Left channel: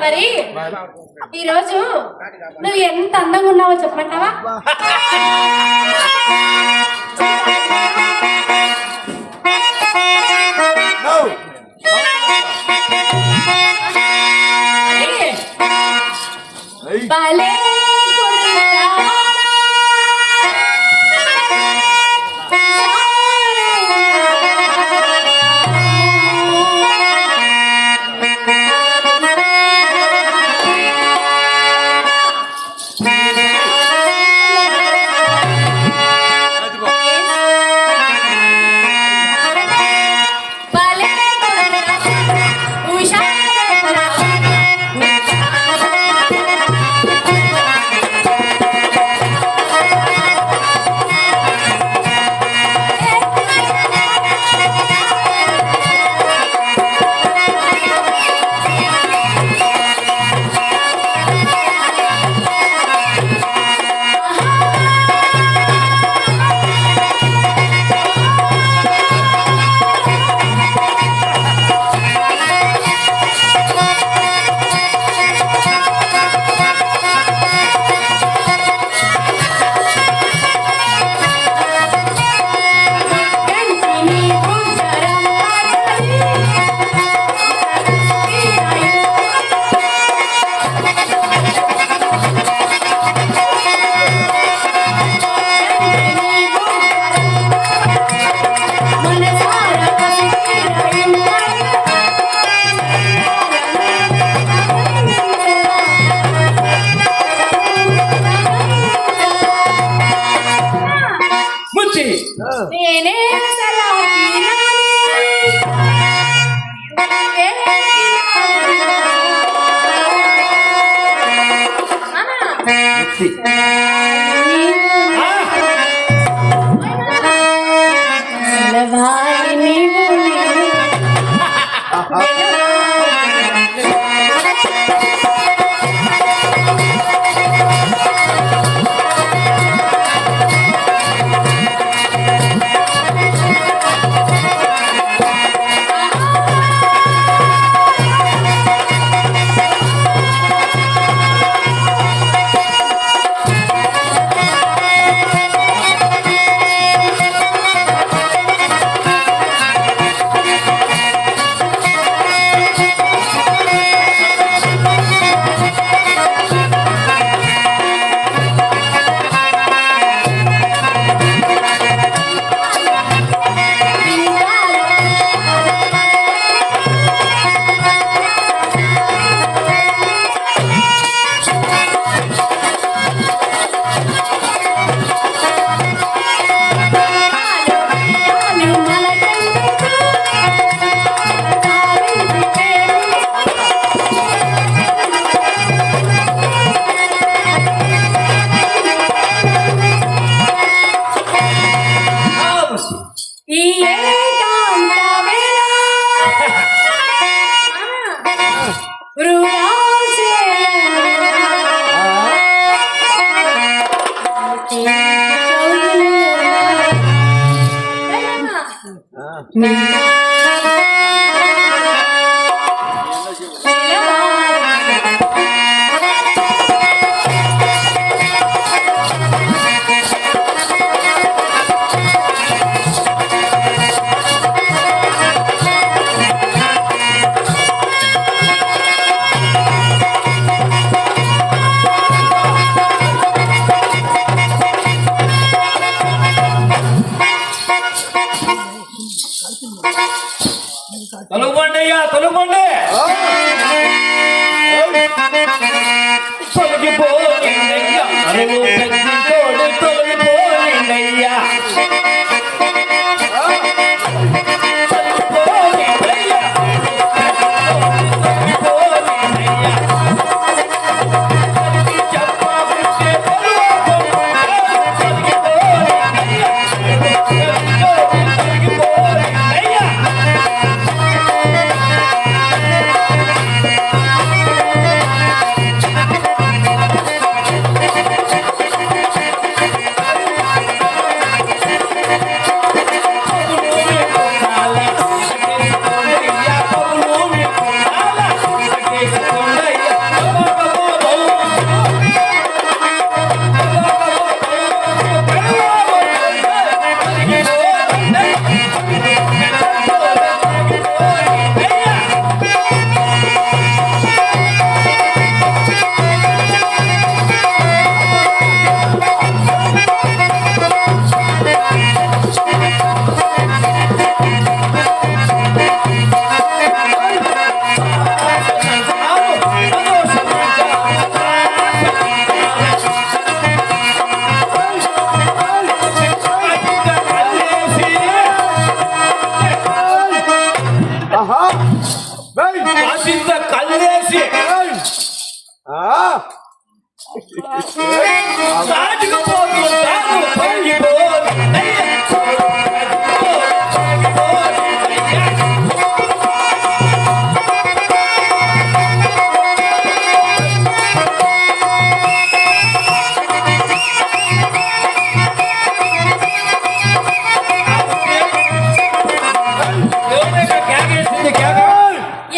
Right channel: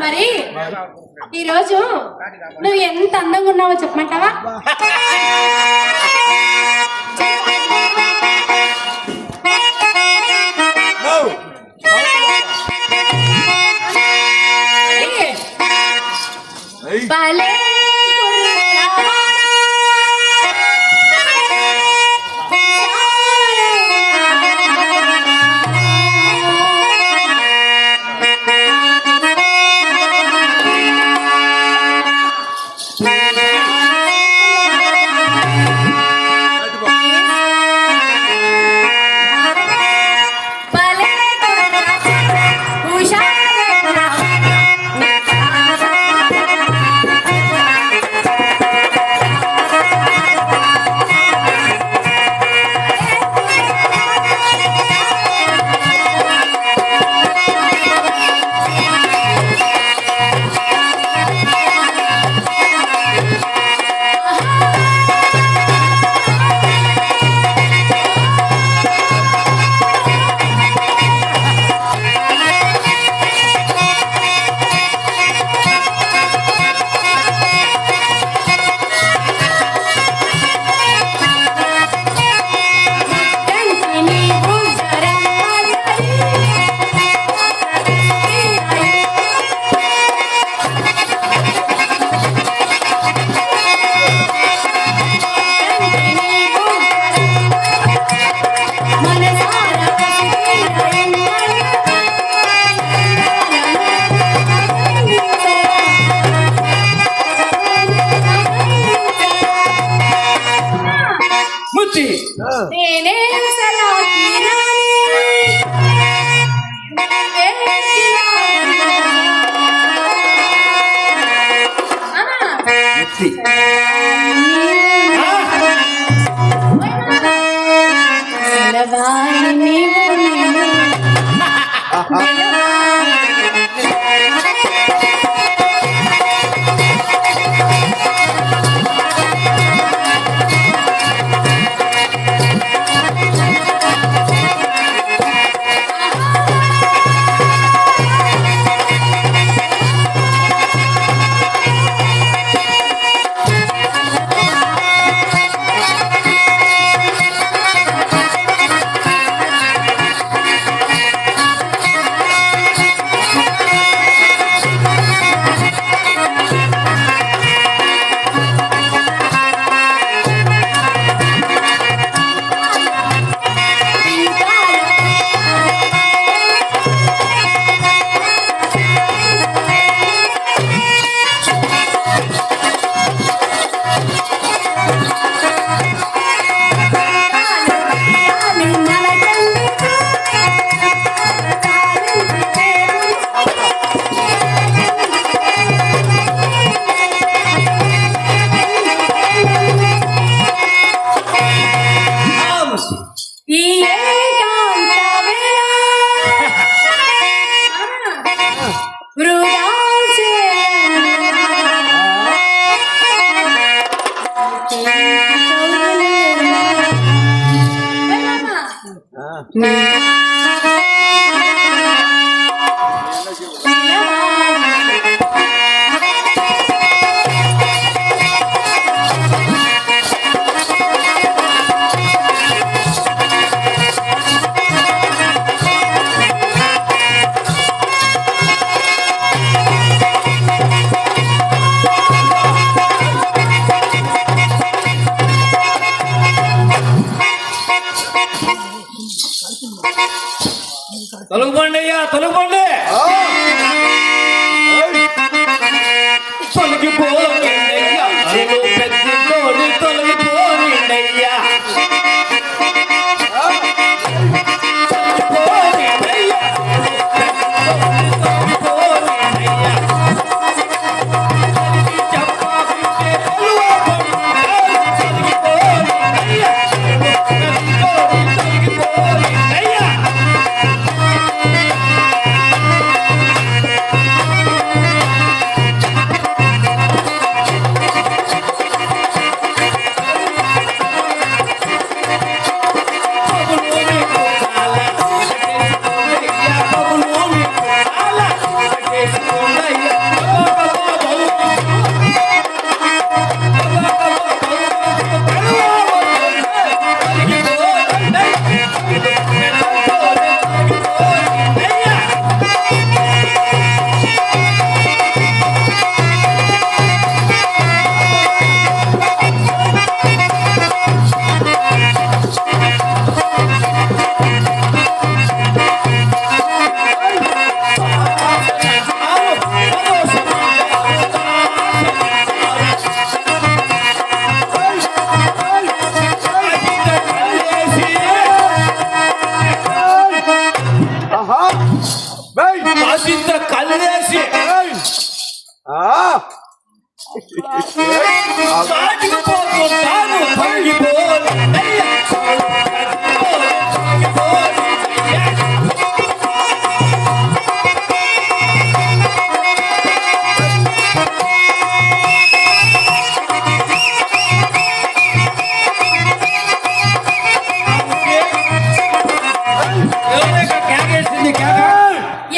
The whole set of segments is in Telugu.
మరి ఈరోజు నువ్వు ఎంత అందంగా ఉన్నావో చెప్పమంటావా? భలే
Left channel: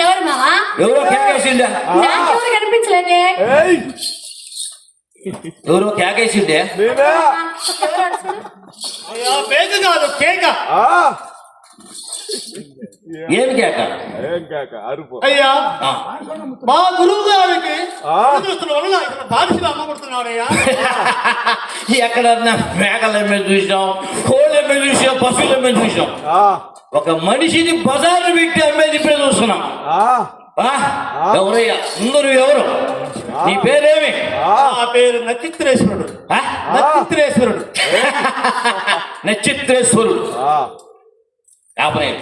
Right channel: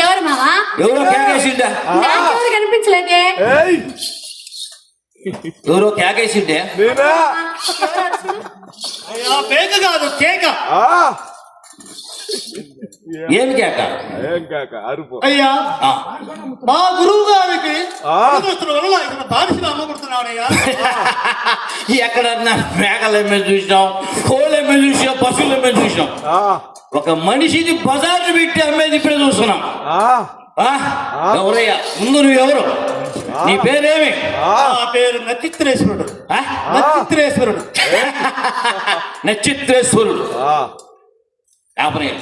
ఎవరు మావా ఎవరో కేకేసిండే నాకెవరు కనిపించలేదే ఎవరో కేకేసిండే అయ్యా కేక కాదు కేక. ఏం కేక ఏం కాక అరుపు అయ్యా ఆ. మా గురువు గారికి దురదృష్టం వల్ల ఇతను బాధితులు అమ్మబడుతున్నాడయ్యా. ఎక్కడన్నా మేకల మీద చూసినాం, కోళ్ళ మీద చూసాం, పశువుల మీద చూసాం. ఒక మనిషిని బజార్లు పెట్టి అమ్మేది ఇప్పుడే చూస్తున్నాం. ఎవరయ్యా ముందు నువ్వు ఎవరు? నీ పేరేమి? నా పేరు నచిత్రేశ్వరుడు. ఆ? నచిత్రేశ్వరుడు. నక్షత్రేశ్వరుడు యాపనయ్య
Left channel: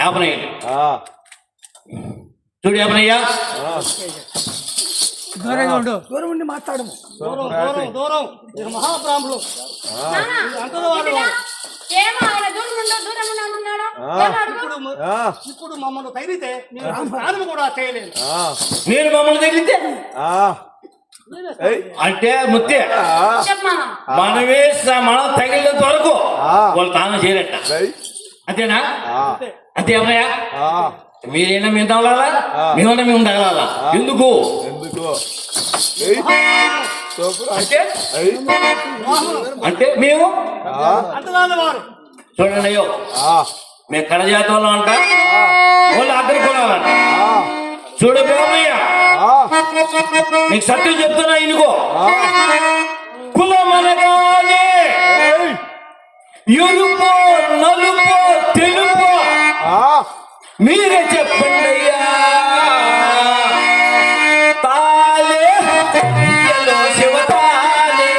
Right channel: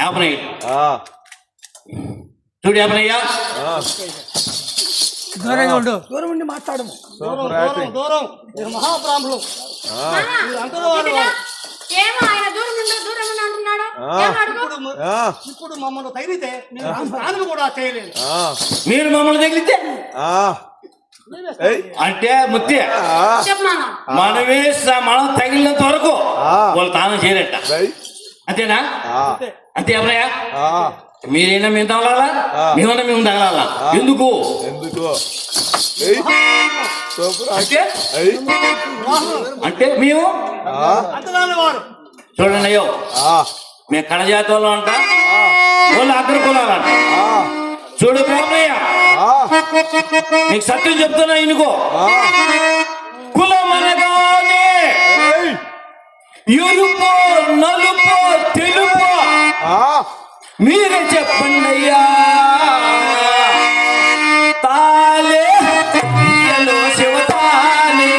యాపనయ్య చూడు యాపనయ్య దూరంగా ఉండు, దూరం ఉండి మాట్లాడము. దూరం దూరం దూరం మీరు మహాబ్రాహ్మణులు. అందరూ వాళ్ళు ఏమో ఆయన దూరం ఉండు అంటున్నాడు. ఏమో అడుగు. ఇప్పుడు మమ్మల్ని తగిలితే నేను స్నానం కూడా చేయలేదు. మీరు మమ్మల్ని తగిలితే అంటే ముత్తి చెప్పు మామ. మనం తగిలినంత వరకు వాళ్ళు తాను చేయరట. అంతేనా? అంతే అమ్మయ్య. మీరైనా మేము తగలాలా, మేమన్నా మేము తగలాలా? ఎందుకు అంటే అంటే మేము అంతరాని వారు చూడండి అయ్యో మేము కడజాతి వాళ్ళం అంట, వాళ్ళు అగ్ర కులాలంట. చూడు బ్రహ్మయ్య, నీకు సత్యం చెప్తున్నా ఇనుకో. కులం అనగానే ఎరుపు నలుపు తెలుపు మీరే చెప్పండి అయ్యా. తాలే ఎల్లో శివతాలే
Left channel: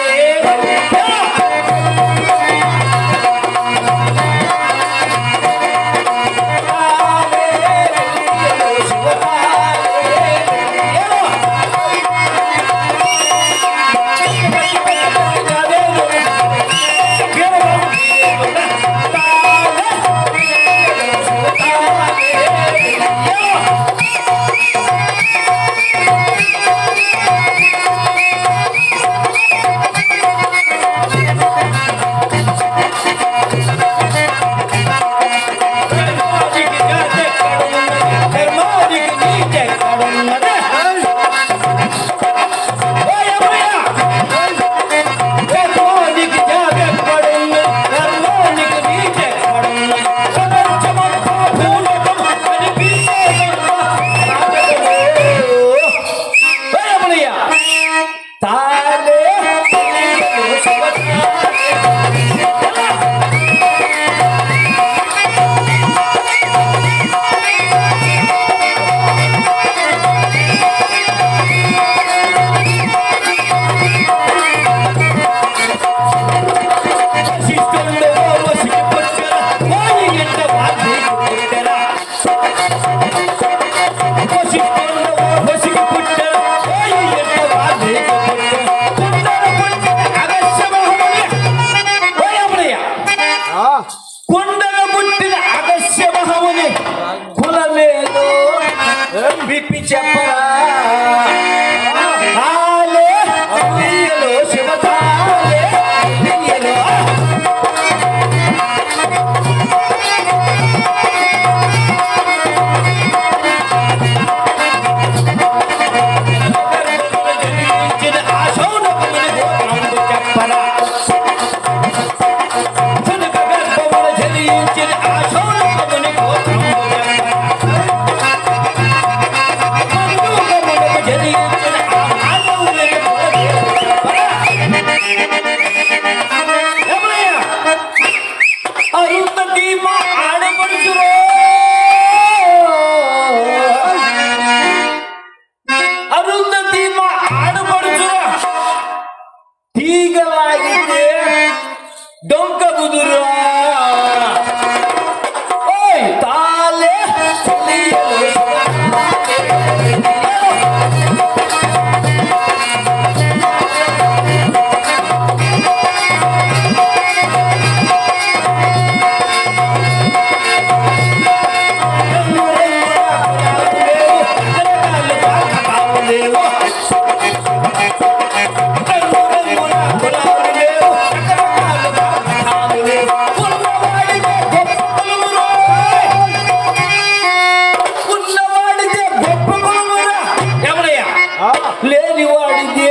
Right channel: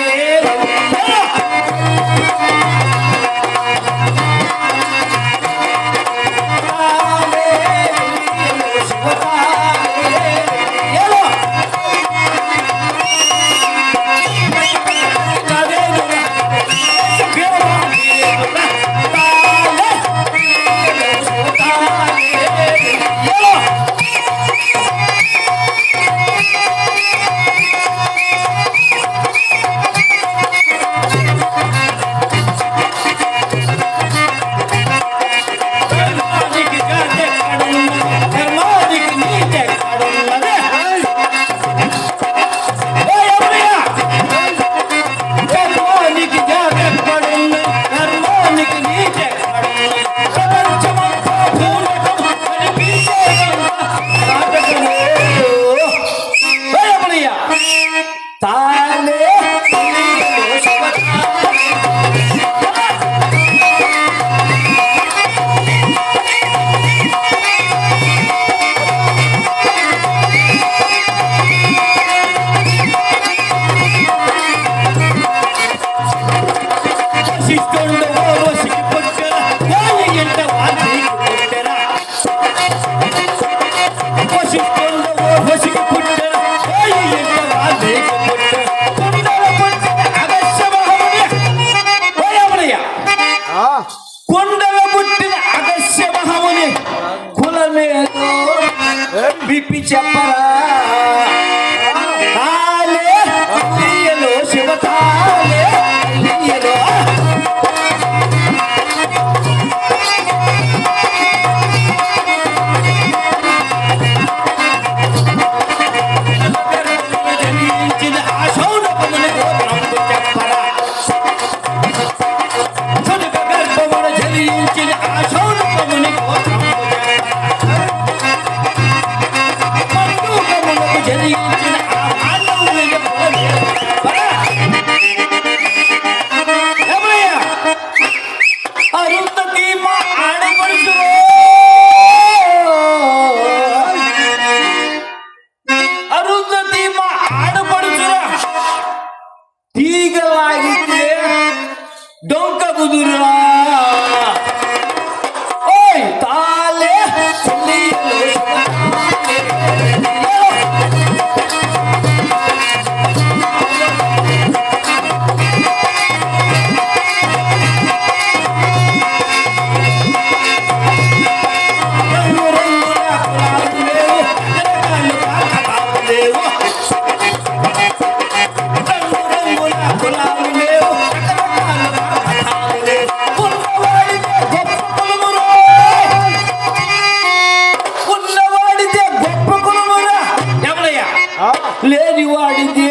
లేని వాడితే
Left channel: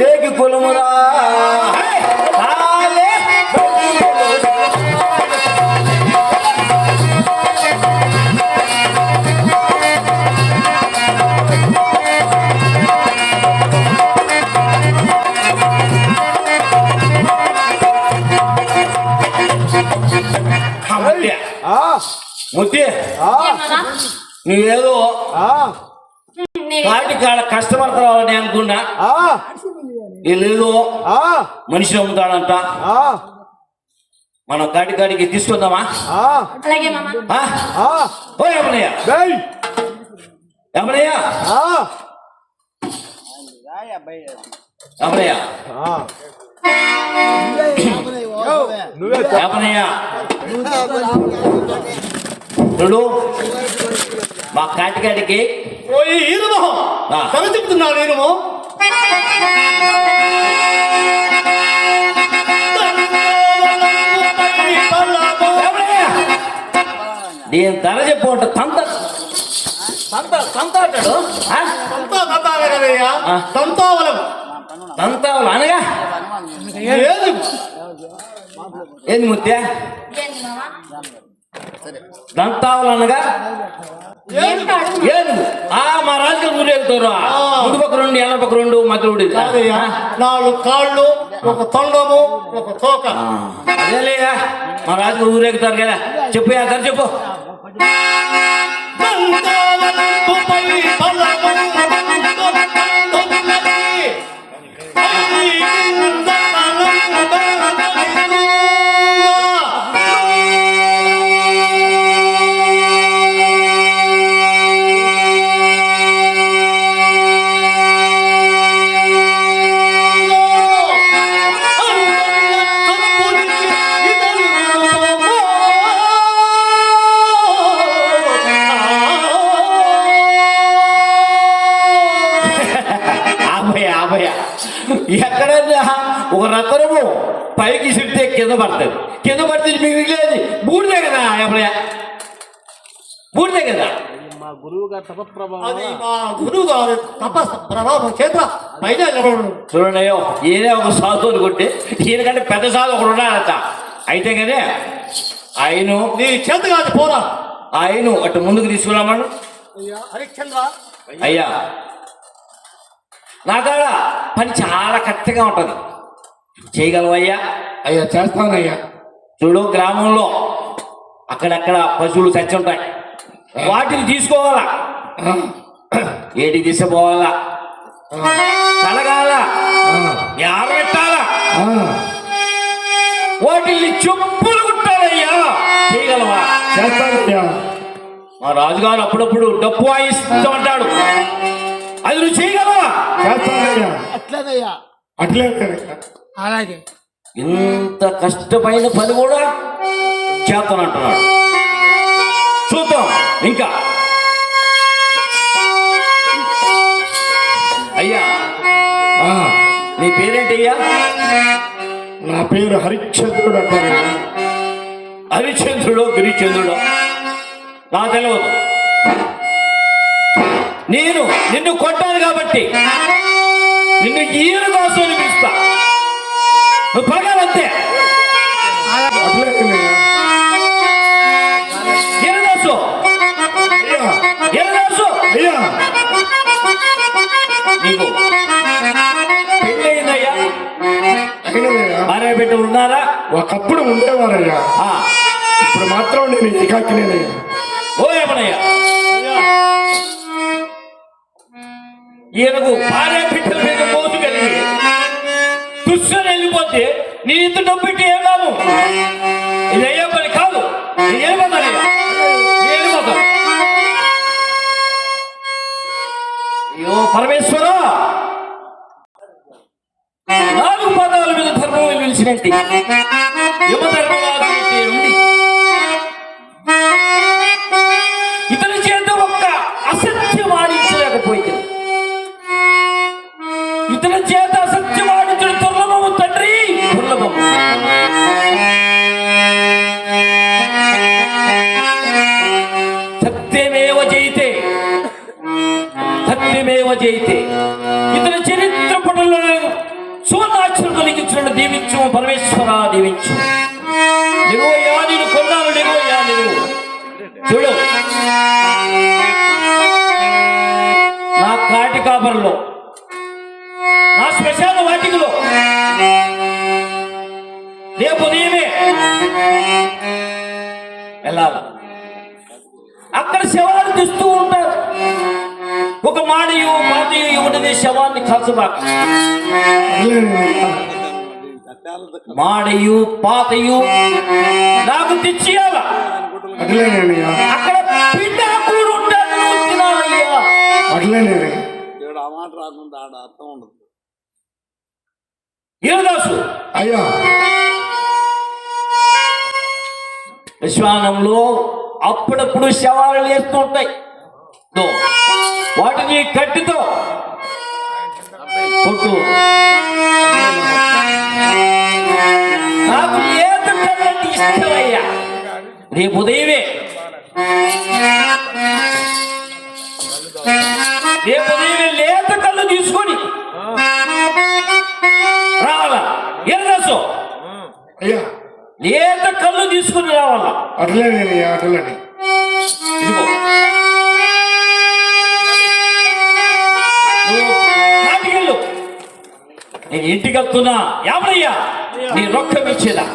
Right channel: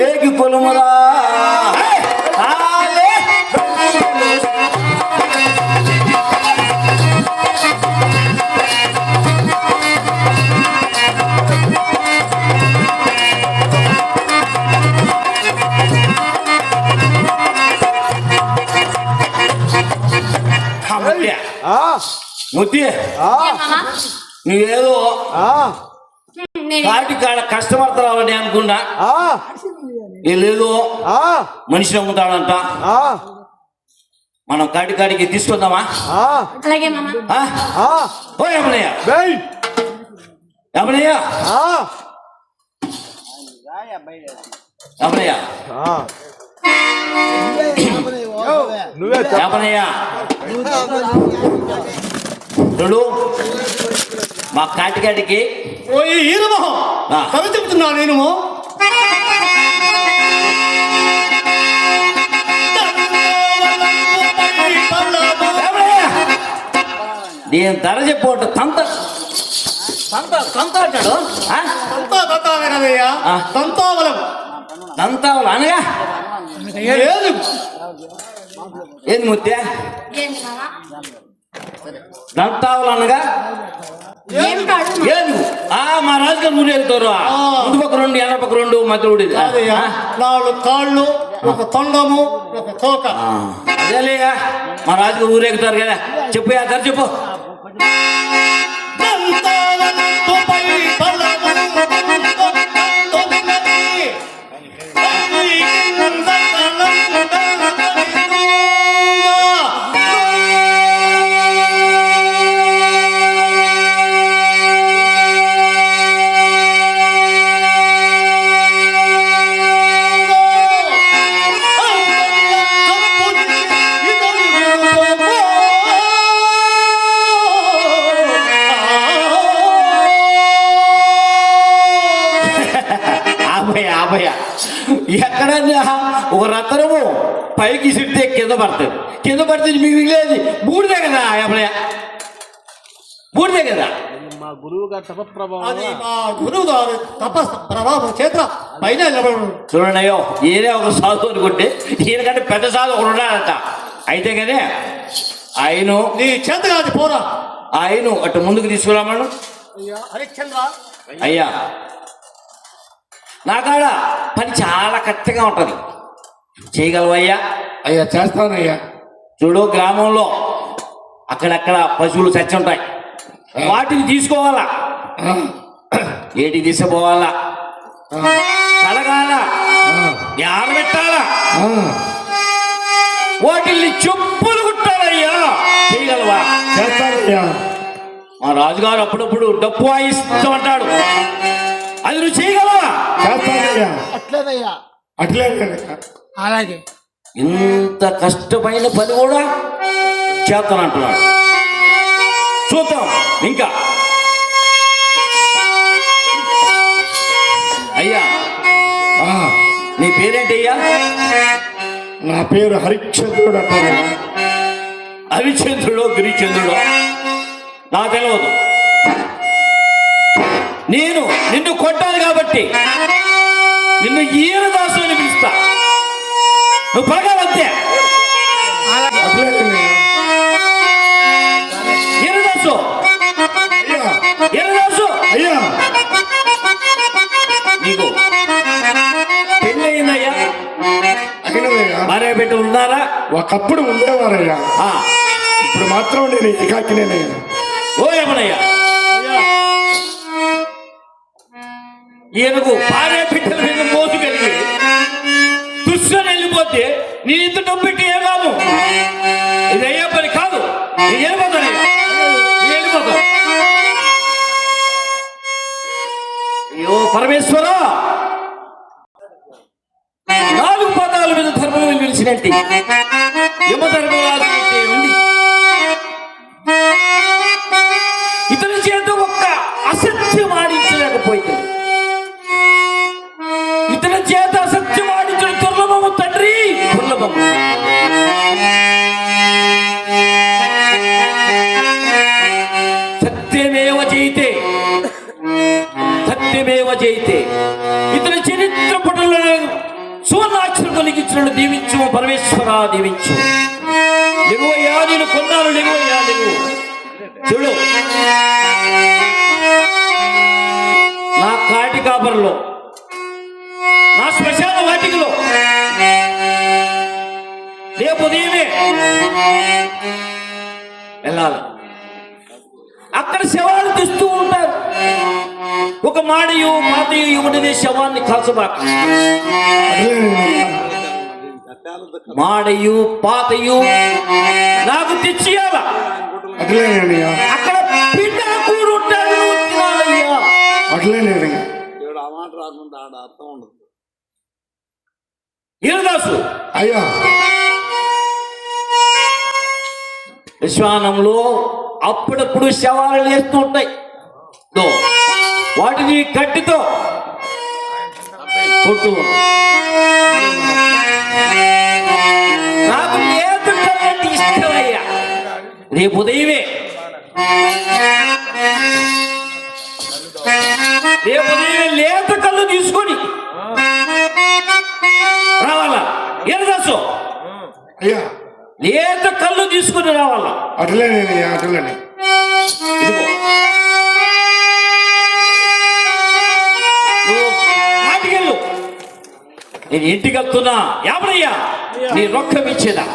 లేకి కులమురా ముత్తి నువ్వేదో వాటి కాడ కష్టపడతావని అనుకున్నా వీళ్ళేదో మనిషిని అమ్ముతాడంట మనం కాటికి తీసుకుందామా అలాగే మామ. ఓ యమనయ్య యమనయ్య యమనయ్య యమనయ్య చూడు మా కాటికాడికి ఓ ఈరమహం కథ చెప్తున్నా నేను దీని ధర చెప్పు తంత అంటాడు కదయ్యా తంతావలం తంతావలు అనగా ఏది ఏది ముత్య ఏంటి మామ? దంతావలు అనగా ఏంటాడు? ఏది మా రాజుగారు ఊరేగుతారు ముందు పక్క రెండు ఎనక పక్క రెండు మధ్యలో కదయ్యా 4 కాళ్ళు ఒక తొండము ఒక తోక అదేలేయా మా రాజుగారు ఊరేగుతారు కదా చెప్పు ధర చెప్పు ఎక్కడన్నా ఒక రత్నము పైకి సిడితే కింద పడుతుంది కింద పడితే మీకు మిగిలేదు బూడిదే కదా ఎప్పుడయ్యా బూడిదే కదా మా గురువు గారు అది మా గురువు గారు తపస్సు ప్రభావం చేత పైన నిలబడు చూడండి అయ్యో ఈయనే ఒక సాధు అనుకుంటే ఈయనకంటే పెద్ద సాధు ఒకడు ఉన్నాడట అయితే కానీ ఆయన నీ చేత కాదు పోరా ఆయన అటు ముందుకు తీసుకురామను అయ్యా హరిశ్చంద్ర అయ్యా నా కాడ పని చాలా కష్టంగా ఉంటది చేయగలవయ్యా అయ్యా చేస్తానయ్యా చూడు గ్రామంలో అక్కడక్కడ పశువులు చచ్చి ఉంటాయి వాటిని తీసుకోవాలా ఏటికి తీసుకుపోవాలా కలగాల ఆరబెట్టాలా వాటిల్ని చెప్పులు కుట్టాలయ్యా చేయగలవా చేస్తానయ్యా మా రాజుగారు అప్పుడప్పుడు డప్పు వాయిస్తూ ఉంటాడు అది నువ్వు చేయగలవా చేస్తానయ్యా అట్లేదయ్యా అట్లే అలాగే ఇంత కష్టమైన పని కూడా చేస్తానంటున్నాడు చూద్దాం ఇంకా అయ్యా నీ పేరేంటయ్యా నా పేరు హరిశ్చంద్రుడు అంటారు హరిశ్చంద్రుడు గిరిచంద్రుడు నా తెలియదు నేను నిన్ను కొట్టాను కాబట్టి నిన్ను ఈరదాసు అని పిలుస్తా నువ్వు పడగాలంతే ఈరదాసు ఈరదాసు అయ్యా నీకు పెళ్ళి అయిందయ్యా అయినదయ్యా భార్య బిడ్డలు ఉన్నారా ఒకప్పుడు ఉండేవారయ్యా ఇప్పుడు మాత్రం నేను ఏకాకినేనయ్యా ఓ యమనయ్య ఈయనకు భార్య బిడ్డల మీద మోసు కలిగి దుష్టుని వెళ్ళిపోతే నీ ఇంత డబ్బు పెట్టి ఏం కాదు ఇది అయ్యే పని కాదు ఇది వెళ్ళిపోతానయ్యా వెళ్ళిపోతాను అయ్యో పరమేశ్వర 4 పదాల మీద ధర్మం వెలిసినట్టు యమధర్మరాజు ఉంది ఇతని చేత ఒక్క అసత్యం ఆడించలేకపోయింది ఇతని చేత అసత్యం ఆడించిన దుర్లభము తండ్రి దుర్లభము సత్యమేవ జయితే సత్య సత్యమేవ జయితే ఇతని చరిత్ర పటంలో సువర్ణాక్షరం కలిగించిన దీవించు పరమేశ్వర దీవించు. నిలువయ్యా నేను కొన్నాను, నిలువయ్యా నువ్వు చూడు. నా కాటి కాపర్లో, నా శ్మశాన వాటికలో రేపు ఉదయమే వెళ్ళాలి. అక్కడ శవాలు తీస్తూ ఉంటారు. ఒక మాడయు మాతయు ఇవ్వడనే శవాన్ని కాల్చబాక. మాడయు పాతయు నాకు తెచ్చియాల. అక్కడ పిండాకుడు ఉంటాడు, తినాలయ్యా. ఈరదాసు అయ్యా విశ్వానంలో అప్పుడప్పుడు శవాలు వేస్తూ ఉంటాయి. వాటిని గట్టితో కొట్టు. నాకు లేత కళ్ళంటే ఇష్టమయ్యా. రేపు ఉదయమే లేత కళ్ళు తీసుకొని రావాలా. ఎర్రసు అయ్యా లేత కళ్ళు తీసుకుని రావాలా. అట్లేనయ్యా అట్లని. ఇదిగో నువ్వు మాటికెళ్ళు. నేను ఇంటికి వస్తున్నా. ఎవరయ్యా నీ రొక్కం ఇచ్చేదా?